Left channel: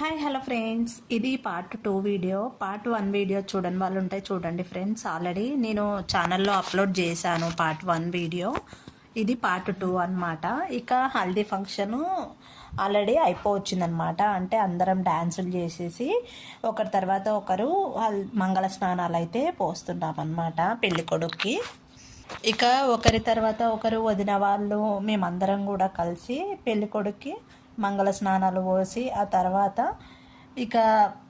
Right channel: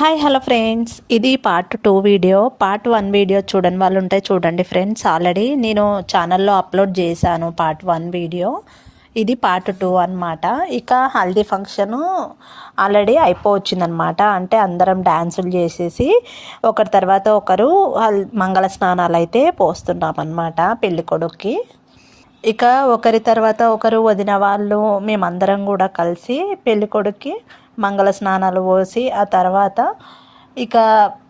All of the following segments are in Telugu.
హాయ్ హలో ఫ్రెండ్స్, ఇది పార్ట్ 2 వీడియో. పార్ట్ 1 వీడియో చూడని వాళ్ళు ఉంటే చూడండి ఫ్రెండ్స్. ఆల్రెడీ నేను ఛానల్లో అప్లోడ్ చేశాను పార్ట్ 1 వీడియో. ఇది పార్ట్ 2 అనమాట. ఇక హల్దీ ఫంక్షను ఆల్రెడీ అయిపోవచ్చిందనమాట. అంటే అందరం డ్యాన్సులు చేసేసి ఒకరి తర్వాత ఒకరు మంగళ స్నానాలు అయితే పోస్తున్నాం అనమాట పెళ్ళికొడుక్కి. ఇక ఒకరి తర్వాత ఒకరు వదిన వాళ్ళు మేమందరం కూడా కలిసి పెళ్ళికొడుక్కి మంగళ స్నానాలు పోసి ఆ తర్వాత ఇక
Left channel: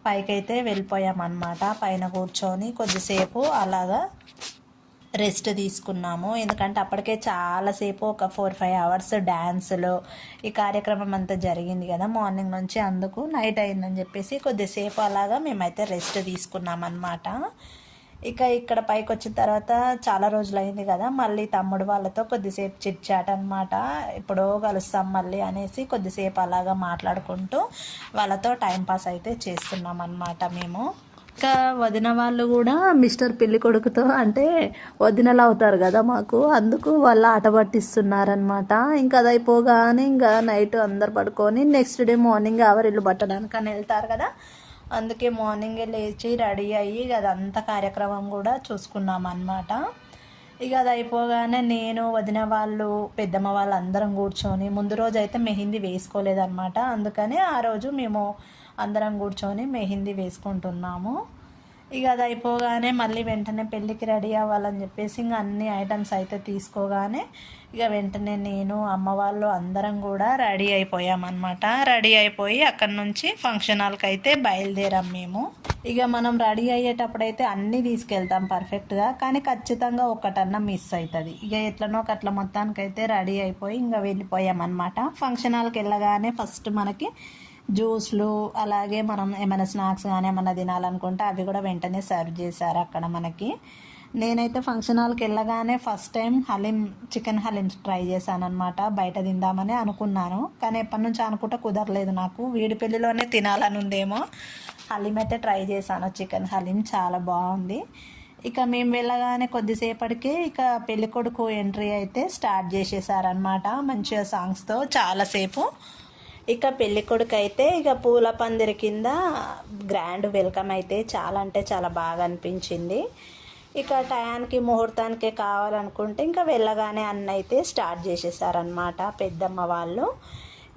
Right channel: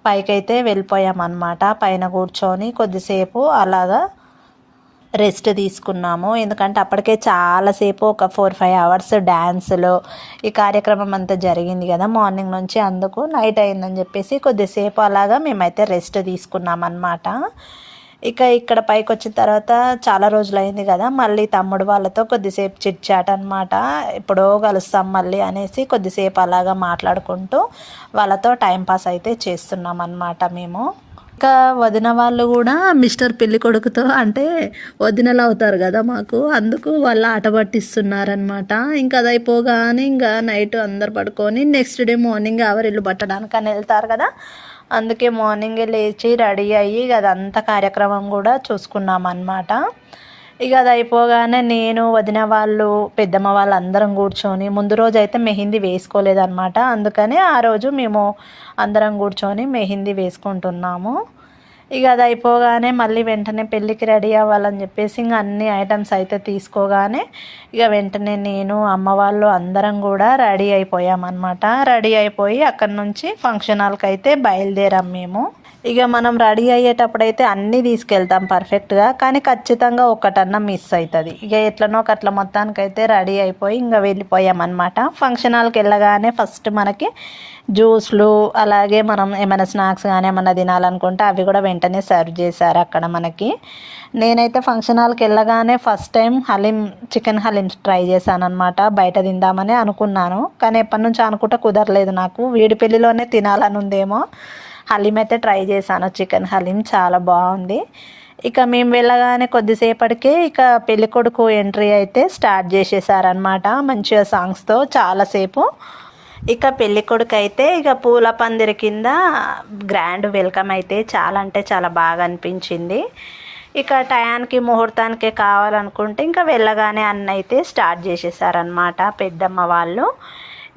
పైకైతే వెళ్ళిపోయామన్నమాట. పైన కూర్చొని కొద్దిసేపు అలాగా రెస్ట్ తీసుకున్నాము. ఎందుకంటే అప్పటికే చాలాసేపు ఒక 4-5 అవర్స్ డ్యాన్సులు ఈ కార్యక్రమం అంతా జరిగింది కదా మార్నింగ్ నుంచి. అందుకు నైట్ అయిందని చెప్పేసి కొద్దిసేపు అలాగా మేమైతే రెస్ట్ తీసుకున్నాం అన్నమాట. ఇక ఇక్కడ పైకి వచ్చిన తర్వాత చాలా రోజులైంది కదా, మళ్ళీ తమ్ముడు వాళ్ళతో కొద్దిసేపు చిట్ చాట్ అనమాట. ఎప్పుడో కలుస్తాం మళ్ళీ అనేసి కొద్దిసేపు అలాగా మాట్లాడుకుంటూ వాళ్ళతో టైంపాస్ అయితే చేస్తున్నాం అన్నమాట మేము. ఇంకా వదిన వాళ్ళు కూడా మిస్టర్ పెళ్ళి కొడుకుతో అంటే వదినలు అవుతారు కదా మాకు, అందుకు వాళ్ళు ఆట పట్టిస్తున్నారనమాట. ఇంకా అది అయిపోగానే ఇంకా నైట్ అందరు పడుకొని నెక్స్ట్ డే మార్నింగ్ ఎవరిల్లు పట్టడానికి అని వెళ్తారు కదా, అందుకే మార్నింగే లేచి రెడీ అయ్యి అదంతా కార్యక్రమం కూడా చూసుకున్నాం అన్నమాట. ఇక అది అయిపోగానే నేను వదిన వాళ్ళు పెద్దమ్మ వాళ్ళు అందరం కూర్చొని, ముందు రోజు అయితే మెహందీ వేసుకోలేదన్నమాట. అందుకని ఆ రోజు మేము అందరం కూర్చొని మెహందీ వేసుకుంటున్నాము. ఇక అది అయిపోగానే మళ్ళీ వెంటనే పెళ్ళికి రెడీ అవ్వాలని చెప్పేసి ఇంకా అన్ని ఐటమ్స్ అయితే తీసుకోగానే ఇక వెంటనే నేను అమ్మ వాళ్ళు అందరం కూడా రెడీ అయిపోయామన్నమాట. రెడీ అయిపోయి అక్కడి నుంచి ఫంక్షన్ హాల్కి అయితే బయలుదేరాం మేము. ఇక మనం రెడీ అయ్యేటప్పుడైతే అన్నీ తీసుకెళ్తాం పర్ఫెక్ట్గా, కానీ ఖచ్చితంగా ఒకటన్నా మిస్ అవుతుంది. ఇక ఎట్లనో అట్లా మొత్తానికైతే రెడీ అయిపోయి ఇంకా వెళ్ళిపోయామన్నమాట. ఫంక్షన్ హాల్కి వెళ్ళగానే ఫస్ట్ మనకి జ్యూస్లు అలాగే మనం ఏమైనా స్నాక్స్ కానీ ఏమైనా తినాలనుకుంటే అవి కూడా వెంటనే సర్వ్ చేశారు అక్కడ మనకి. నేనైతే ఫంక్షన్ హాల్కి వెళ్ళగానే first time chicken haleem try చేశాను అనమాట. బయట తిందామని అనుకున్నాను, కానీ ఎప్పటి నుంచో అనుకుంటే కుదరలేదు. నాకు వీడి పెళ్ళిలోనే తినాలని ఉందేమో. హలీం అయితే ట్రై చేశాను, చికెన్ హలీం చాలా బాగుంది. ఇక మేము వెళ్ళగానే కొద్దిసేపటికే ఇక పెళ్ళికొడుకు ఎంట్రీ అయితే స్టార్ట్ చేసేసారనమాట మంచిగా సాంగ్స్తో చాలాసేపు. ఇక పెళ్ళికొడుకు అయితే ఇక పూల పందిరి కింద గ్రాండ్ వెల్కమ్ అయితే చాలా అంటే చాలా బాగా అనిపించింది. ఇక టయానికి ముహూర్తానికి కావాలనుకుంటే ఇంకా వెళ్ళగానే అన్న అయితే స్టార్ట్ చేసేసారనమాట పెద్దమ్మ వాళ్ళు.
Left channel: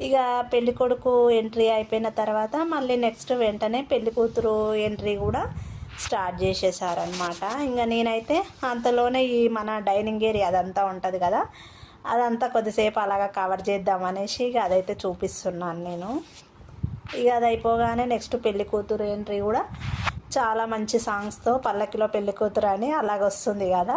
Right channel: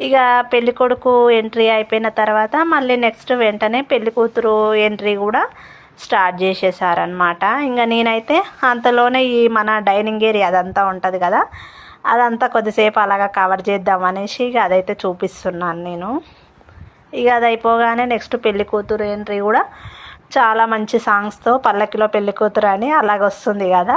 ఇక పెళ్ళికొడుకు ఎంట్రీ అయిపోయిన తర్వాత మళ్ళీ నెక్స్ట్ వెంటనే పెళ్ళికూతురు ఎంట్రీ కూడా స్టార్ట్ చేసేసారనమాట. ఇంకా నేనైతే అంతలోనే ఈ మన డైనింగ్ ఏరియా అదంతా ఉంటుంది కదా, అదంతా కొద్దిసేపు అలాగా కవర్ చేద్దామనేసి ఇక అదైతే చూపిస్తున్నాను నేను. ఇక అది అయిపోగానే నెక్స్ట్ పెళ్లి కూతురు ఎంట్రీ కూడా చాలా మంచి సాంగ్స్తో పల్లకిలో పెళ్లి కూతురు అని అలాగ వస్తుంది కదా,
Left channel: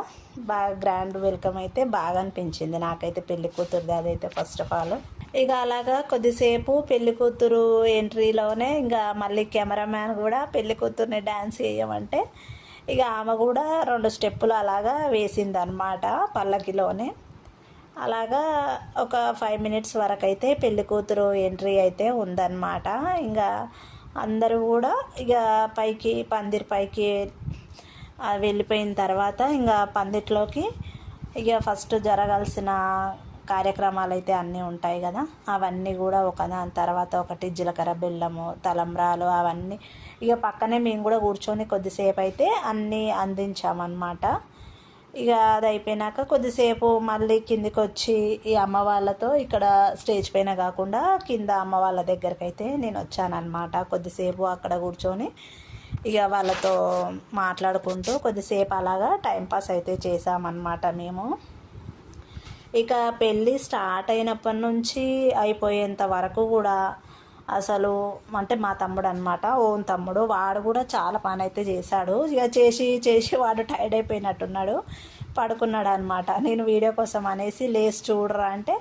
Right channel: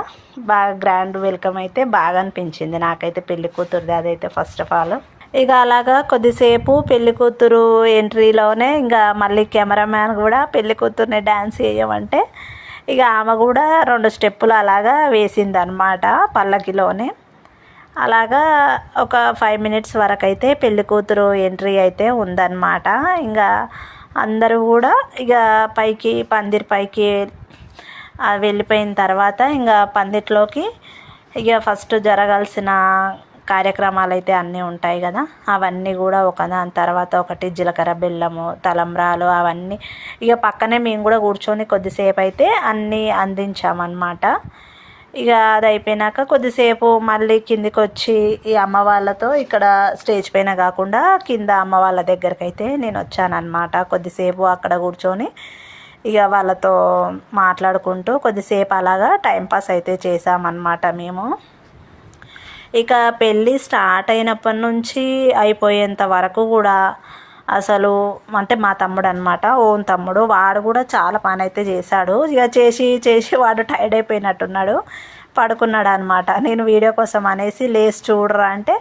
బాగా గ్రాండ్ వెల్కమ్ అయితే బాగా అనిపించింది నాకైతే పెళ్లి కూతురుది అదైతే ఫస్ట్ ఆఫ్ ఆల్. ఇక అలాగా కొద్దిసేపు పెళ్లి కూతురు ఎంట్రీలోనే ఇంకా మళ్ళీ కెమెరామ్యాన్ కూడా పెళ్లి కూతుర్ని డ్యాన్స్ చేయమంటే ఇక ఆమె కూడా 2 స్టెప్పులు అలాగా వేసిందనమాట పల్లకిలోనే. అలాగా ఒక 5 మినిట్స్ వరకు అయితే పెళ్లి కూతురు ఎంట్రీ అయితే ఉందన్నమాట. ఇంకా అందరూ కూడా ఇక పందిరి పైకి వెళ్ళిపోయిన తర్వాత ఇంకా పందిట్లోకి ఇక ఫస్ట్ జరగాల్సిన కార్యక్రమాలు అయితే అన్నీ ఉంటాయి కదా, అవన్నీ కూడా ఒకదాని తర్వాత ఒకటి జీలకర్ర బెల్లము తలంబ్రాలు అవన్నీ ఇక పక్కనే మేము కూడా కూర్చొని కొద్దిసేపు అయితే అన్నీ అందించామన్నమాట. ఇక అది అయిపోయినాక కొద్దిసేపు మళ్ళీ కిందికి వచ్చి ఈ అమ్మ వాళ్ళతో ఇక్కడ స్టేజ్ పైన కాకుండా కింద అమ్మ వాళ్ళ దగ్గరికి అయితే నేను వచ్చానన్నమాట. కొద్దిసేపు అక్కడ కూర్చొని ఇక వాళ్ళతో మాట్లాడుకుంటూ కొద్దిసేపు అలాగా టైంపాస్ అయితే చేసామన్నమాట మేము. ఇక పెళ్ళి స్టార్ట్ అయినప్పటి నుంచి అయిపోయేంత వరకు కూడా అసలు అంటే మా తమ్ముడు అనమాట, ఓన్ తమ్ముడు, వాడు కూడా చాలా పని అయితే చేశాడు. ఇక చేసి వాడు టైర్డ్ అయిపోయినట్టున్నాడు, పడుకున్నాడు అనమాట. నేను వీడియో కోసం అనేసి లేచి చూడరా అంటే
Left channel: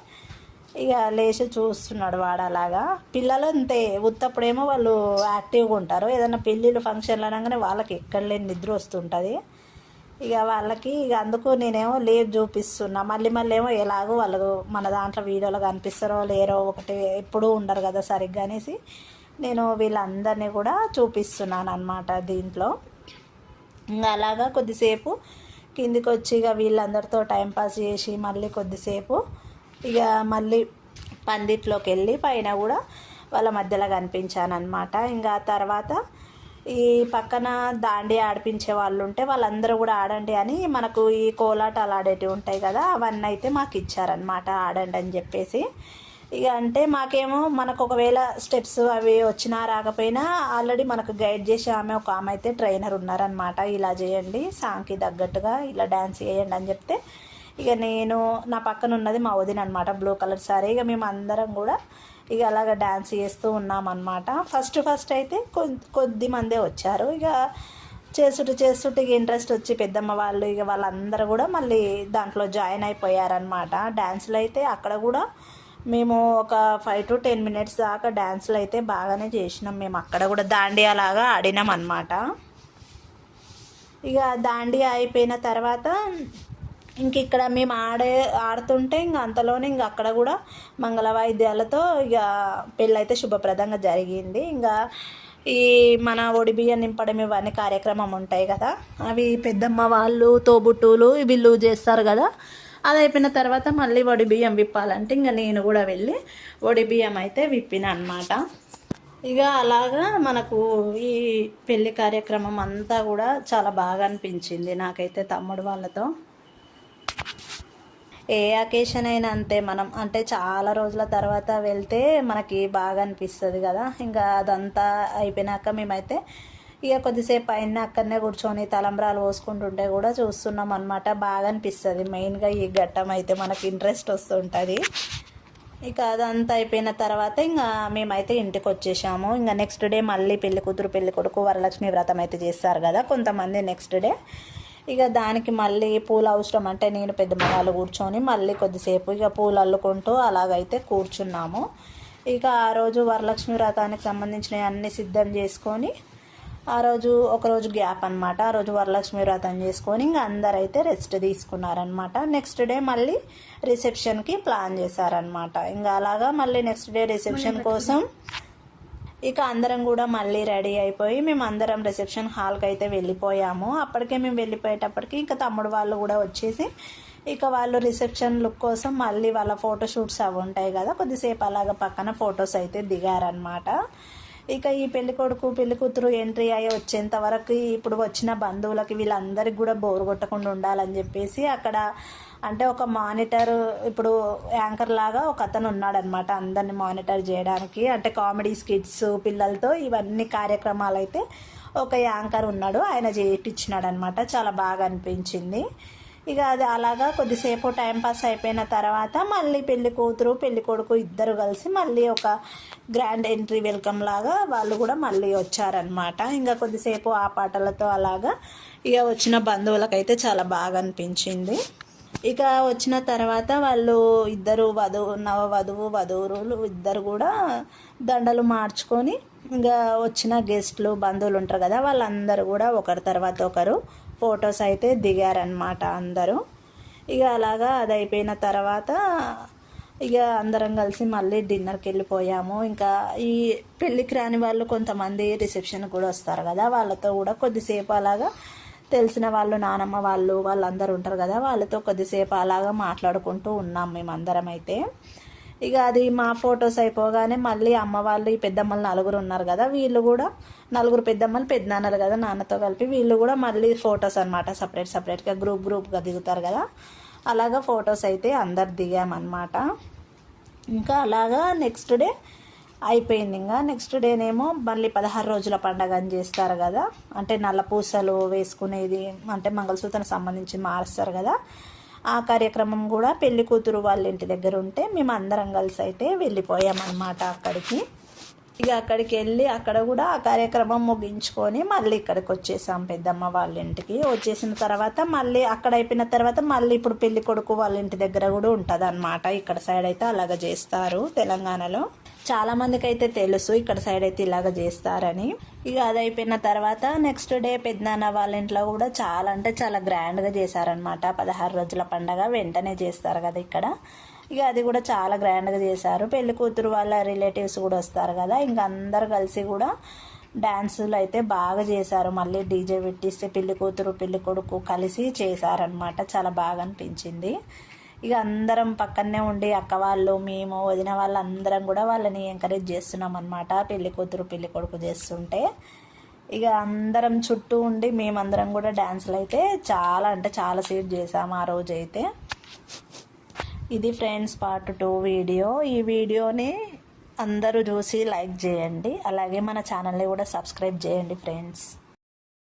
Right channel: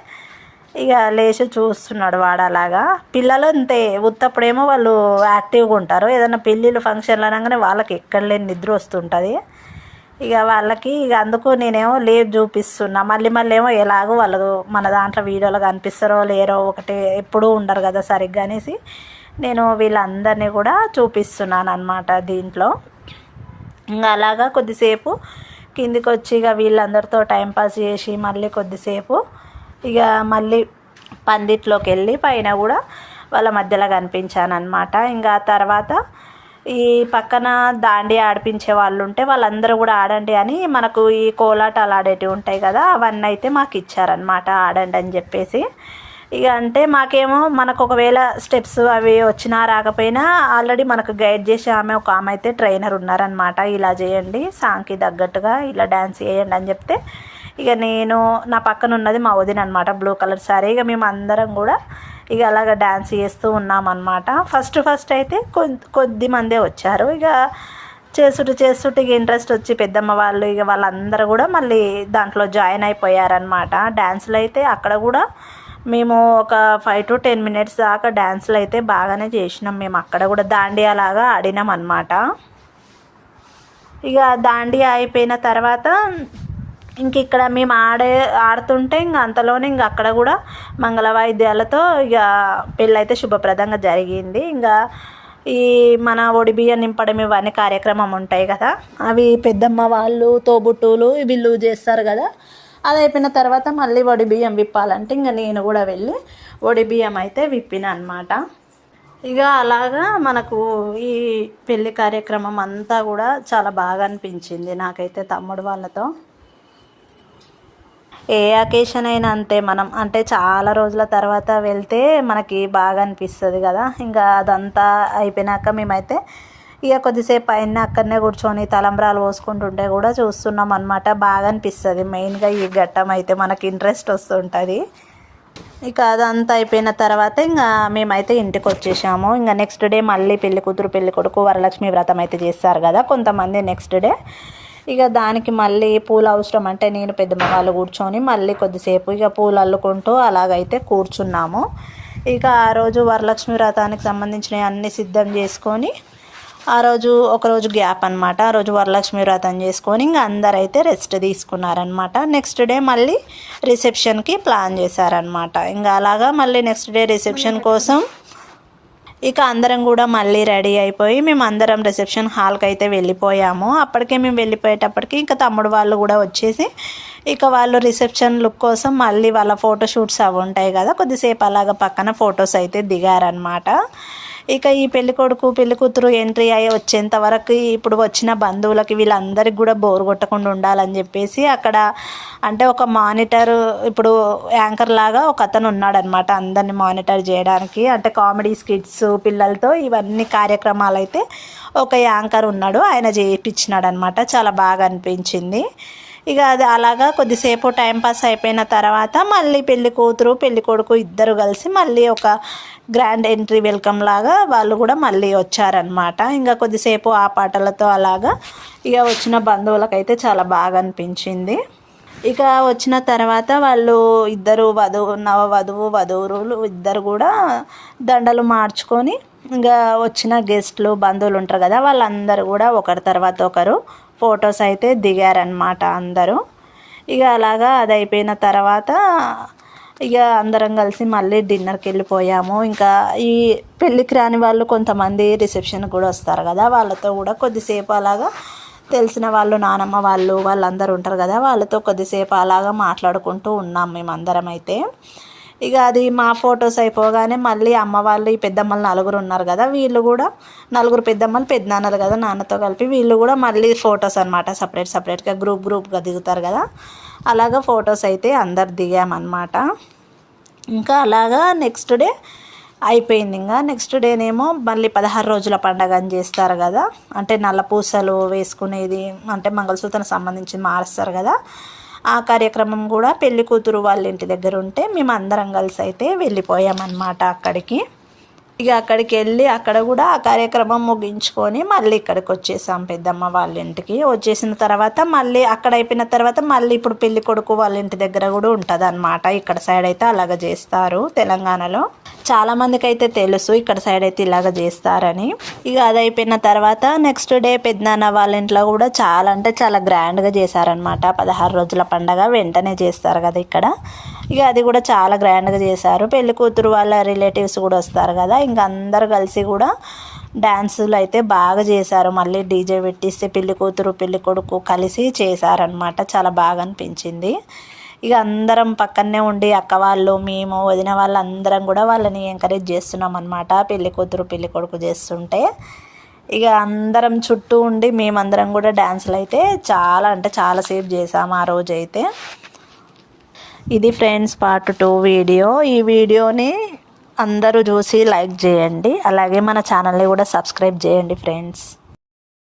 ఇక లేచి చూస్తున్నాడు వాడు. అలాగా పిల్లలు అంతే, ఉత్తప్పుడేమో వాళ్ళు యాక్టివ్గా ఉంటారు, ఏదైనా పెళ్ళిళ్ళు ఫంక్షన్లు అనగానే వాళ్ళకి ఎక్కడ లేని నిద్ర వస్తుంటుంది. ఇక వాళ్ళకి ఇక అందుకు నేనేమో లేపు చూపిస్తున్నా, మళ్ళీ ఏమో ఎలాగో వాళ్ళు మన దాంట్లో వీడియోలో కనిపిస్తారో లేరో ఒకటి ఎప్పుడూ ఉండరు కదా సరిగ్గా అనేసి నేను వీళ్ళందరినీ కూడా చూపిస్తున్నాను అనమాట దీంట్లో. ఇంకా అలాగా కొద్దిసేపు కిందికి వచ్చి ఇక వీళ్ళందరితో టైంపాస్ చేసి మళ్ళీ కొద్దిసేపు ఇక మళ్ళీ పందిట్లోకి వెళ్ళి పైన కూడా వాళ్ళ మధ్యలో కనిపించాను అనమాట. ఇంకా తర్వాత ఈ పక్కన దాండి ఆడిపించే వాళ్ళు ఉంటే వాళ్ళందరూ కూడా ఆడండి అని మనకు ఈ కోలాటాలు ఆడేటివి ఉంటాయి కదా, అవన్నీ అయితే మాకు ఇచ్చారనమాట, ఆడండి అని చెప్పేసి. ఇక అంటే మాకేమో మనకు ఒకవేళ స్టెప్స్ అవి వచ్చినా రాకపోయినా ఆల్రెడీ మనకు గైడ్ చేసే ఒక ఆమె అయితే ట్రైనర్ ఉన్నారనమాట. ఇలా చేయండి, సాంగ్కి తగ్గట్టుగా ఇలా డ్యాన్స్ చేయండి అని చెప్తే ఇక నేను నా పక్కన ఉన్నది మా వదిన అనమాట, బ్లూ కలర్ సారీ. ఇక మేము అందరం కూడా ఇక అలాగ డ్యాన్స్ చేస్తూ ఉన్నామన్నమాట. ఫస్ట్ అయితే కొద్ది మందే వచ్చారు. ఇక చేస్తుంటే ఇక ఇంట్రెస్ట్ వచ్చి పెద్దమ్మ వాళ్ళు ఇక వాళ్ళందరూ కూడా మళ్ళీ దాంట్లో జాయిన్ అయిపోయారనమాట. డ్యాన్సులు అయితే అక్కడ కూడా మేము ఒక 5 to 10 minutes దాకా డ్యాన్సులు అయితే బాగానే చేసినాం. మేము అక్కడ కూడా దాండియా లాగా ఆడినాం అనమాట. ఇక దాండియా అయిపోయిన తర్వాత ఇంక ఇక్కడ మేము ఆడుతుంటే ఇంక అంతలోనే ఇంక అక్కడ కూడా మంగళ వాయిద్యాలతో ఇక పెళ్ళైతే శుభప్రదంగా జరిగింది. ఇంకా ఈ మన ఒడిబియ్యం నింపడం ఇవన్నీ కార్యక్రమం ఉంటాయి కదా, అవి పెద్దమ్మ వాళ్ళు తోబుట్టువులు వీళ్ళు చేస్తారు కదా. అది అయిపోయిన తర్వాత మళ్ళీ ఒడిబియ్యం విప్పాలంటే ఇంకా నేను కూడా వెళ్ళి ఒడిబియ్యం అయితే విప్పిన అనమాట. ఇక అలాగా మనకు ఈ పెళ్ళి కార్యక్రమం అంతా కూడా చాలా బాగా అనిపించింది నాకైతే తమ్ముడు వాళ్ళతో. ఏ అకేషన్ అయినా అంతే, మనం అంటే చాలా రోజుల తర్వాత వెళ్తే మనకి బాగా అనిపిస్తుంది కదా. ఇంకా అదంతా అయిపోయినాక మేమైతే ఇక కొద్దిసేపు అయినా అక్కడనే కూర్చొని తలంబ్రాలు పోసుకుంటుంటే కూడా చూస్తున్నాం అనమాట. బాగా అనిపిస్తుంది. మెయిన్గా ఈ ఘట్టం అయితే మనకి ఇంట్రెస్ట్ వస్తుంటుంది. ఇక అదంతా అయిపోయిన తర్వాత ఇంకా మేమైతే ఇంటికి వచ్చేసాము. ఇంకా నెక్స్ట్ డే మళ్ళీ పెళ్లి కూతురు పెళ్లి కొడుకు వరలక్ష్మి వ్రతం అయితే చేస్తారు కదా కొంతమంది నెక్స్ట్ డే. ఇక దానికి మళ్ళీ పూలు అవసరం అంటే నేను పెద్దమ్మ వాళ్ళు కూర్చొని మళ్ళీ కొద్దిసేపు ఇక పూలు అల్లుకుంటూ అలాగైతే కూర్చున్నాము. ఇక ఆ రోజు వరలక్ష్మి వ్రతానికి సంబంధించినవి అన్నీ సిద్ధం చేసుకొని ఆ రోజు ఒకరోజు గ్యాప్ అనమాట. ఆ రోజు వరలక్ష్మి వ్రతం చేసుకొని ఇంకా అందరైతే రెస్ట్ తీసుకున్నారనమాట. నెక్స్ట్ డే మళ్ళీ రిసెప్షన్కి ప్లాన్ చేశారనమాట. ఇంకా అలాగా మళ్ళీ నెక్స్ట్ డే రిసెప్షన్ కోసం ఇక అందరం కూడా మళ్ళీ రెడీ అయిపోయి మేము అందరం రిసెప్షన్ హాల్కి అయితే వెళ్ళిపోయాము. అప్పటికే మేము వెళ్ళిపోయేటప్పటికి ఇంకా తమ్ముడు వాళ్ళు కూడా వచ్చేసి ఇక వాళ్ళు రిసెప్షన్ లుక్ కోసం మళ్ళీ వాళ్ళ ఫోటోషూట్స్ అవి ఉంటాయి కదా, కొద్దిసేపు అలాగ పక్కన ఫొటోస్ అయితే దిగారనమాట. ఇక ఈ పెళ్ళికొడుకు పెళ్ళికూతురు ఎంట్రీ అయ్యి వచ్చేంత వరకు ఇప్పుడు వచ్చిన బంధువులకి వీళ్ళందరికీ కూడా బోర్ కొట్టకుండా ఉండాలని చెప్పేసి అక్కడ అంటే ఒక మానిటర్, ఇప్పుడు యాంకర్ లాగా ఒక అతను ఉన్నాడనమాట అందరిని మానిటర్ చేయడానికి. అంటే కామెడీ స్కిట్స్ పిల్లలతో ఇవన్నీ కార్యక్రమాలు అయితే ఒక యాంకర్ ఉన్నాడు, ఆయన చేయించినాడు అనమాట. చాలా బాగా అనిపించింది. ఇక అది అలాగా కొద్దిసేపు టైంపాస్ అయిపోయిన తర్వాత మళ్ళీ పెళ్లి కూతురు పెళ్లి కొడుకు ఇద్దరు కలిసి మళ్ళీ ఒక గ్రాండ్ ఎంట్రీ వెల్కమ్ లాగా వాళ్ళు కూడా మళ్ళీ వచ్చారనమాట. ఇంకా కొద్దిసేపు ఆ పాటలతో అలాగా ఇక వచ్చిన బంధువులకైతే చాలా బాగా అనిపించింది. ఇక వచ్చిన తర్వాత వాళ్ళు ఇద్దరు వధువులు ఇద్దరు కూడా దండలు మార్చుకొని ఇంకా వచ్చిన గెస్ట్లు బంధువులు ఉంటారు కదా వాళ్ళందరూ కూడా ఒకరి తర్వాత ఒకరు ఫొటోస్ అయితే దిగారనమాట అందరూ. ఇక అలాగా అది అయిపోయిన తర్వాత ఇక అందరం కలిసి మళ్ళీ డిన్నర్కి వెళ్ళిపోయాము. ఇంకా ఈ పెళ్ళికి రాని వాళ్ళు కొంతమంది రిసెప్షన్కి కూడా వస్తారు కదా, వాళ్ళతో కూడా కొద్దిసేపు అలాగా తెలిసిన వాళ్ళు నానమ్మ వాళ్ళందరూ ఉంటారు కదా, వాళ్ళతో కొద్దిసేపు అలాగా మాట్లాడుకుంటూ ఉన్నాం మేమందరం అయితే. ఇక అది మా ఫొటోస్ అయిపోగానే మళ్ళీ అమ్మ వాళ్ళు ఈ పెద్దమ్మలు నలుగురు ఉన్నారు కదా, వీళ్ళు కూడా నలుగురు పెద్దమ్మలు పెద్దనాన్నలు కదా నాన్నతో కలిపి వీళ్ళు కూడా మళ్ళీ ఫొటోస్ అనమాట సపరేట్గా గ్రూప్గా దిగుతారు కదా, అలాగా ఫొటోస్ అయితే అందరు దిగామన్నమాట. ఇంకా అలాగా నెక్స్ట్ డే అయిపోయింది. ఇంకా నెక్స్ట్ డేనేమో మళ్ళీ 16 రోజుల పండగ అని చేస్తారు కదా, అంటే నల్ల పూసలు వేసుకునేది అంటే మంగళసూత్రం సంబంధించి మారుస్తారు కదా, ఆ కార్యక్రమం కూడా పెళ్లి కూతురు వాళ్ళ ఇంటి దగ్గర ఉంటే మేము అందరం కలిసి అయితే వెళ్ళిపోయామన్నమాట అక్కడికి. ఇక అక్కడికి వెళ్ళి అక్కడ కూడా ఆ కార్యక్రమం ముగించుకొని మళ్ళీ ఇక్కడికి వచ్చేసాం పెద్దమ్మ వాళ్ళ ఇంటికి. వచ్చేసిన తర్వాత మళ్ళీ అక్కడ అయిపోయిన తర్వాత మళ్ళీ ఇప్పుడు పెళ్లి కొడుకు వాళ్ళ ఇంటి దగ్గర కూడా ఉంటుంది అనమాట. ఇక్కడ సైడ్ అయితే అలాగ చేస్తారు తెలంగాణలో. చాలామందికి అయితే తెలుసు ఇక్కడ సైడ్ అయితే ఇలాగ చేస్తారని. ఇక అది అయిపోయిన తర్వాత నెక్స్ట్ డే పెద్దనాన్న వాళ్ళ ఇంట్లో కూడా చాలా అంటే చాలా గ్రాండ్గా చేశారనమాట. 16 రోజుల పండగ వెంటనే చేస్తారు కదా ఇక్కడ, ఇక అది కూడా చాలా గ్రాండ్గా చేశారు. పెళ్లి కూతురు వాళ్ళ రిలేటివ్స్ కూడా వస్తారు కదా, ఇంకా అందరు కలిసి కూడా డ్యాన్సులు అయితే బాగా చేశారు. మళ్ళీ డీజే పెట్టిస్తే పెళ్లి కూతురు పెళ్లి కొడుకు కలిసి చేశారనమాట. చాలా బాగా అనిపించింది. ఇక అందరం పక్కనే ఉండి అక్క వాళ్ళు మేము వదిన వాళ్ళు అందరం కూడా వాళ్ళని ఎంకరేజ్ చేస్తున్నాం అనమాట. పెళ్లి కూతురు పెళ్లి కొడుకు చేస్తుంటే ఇక అందరం చుట్టూ ఉండి మేమందరం కూడా డ్యాన్సులు అయితే చాలా అంటే చాలాసేపు చేసాము ఆ రోజైతే. ఇది ఫ్రెండ్స్ పార్ట్ 2 వీడియో. ఈ వీడియోని అందరూ చూసి లైక్ చేయండి, అలాగే మన ఛానల్ని కూడా సబ్స్క్రైబ్ చేయండి ఫ్రెండ్స్.